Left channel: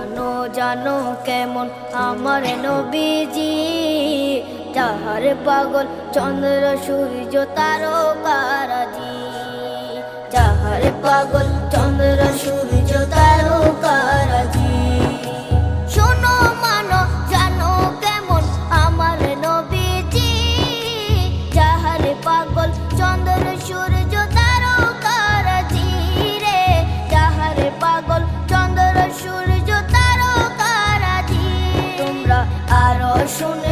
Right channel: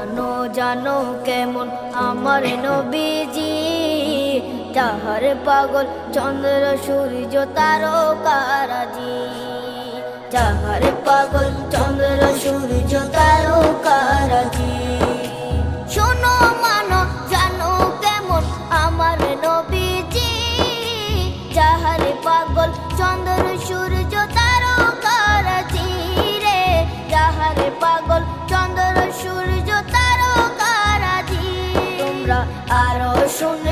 জানো জানো কেমন আমার নবীজি, যাহার পাগল চন্দ্র সূর্য তারকারাজি, যাহার পাগল চন্দ্র সূর্য তারকারাজি। শোনো মানো জানো কেমন আমার নবীজি, যাহার পাগল চন্দ্র সূর্য তারকারাজি রে, যাহার পাগল চন্দ্র সূর্য তারকারাজি। তোমরা আরো শুনে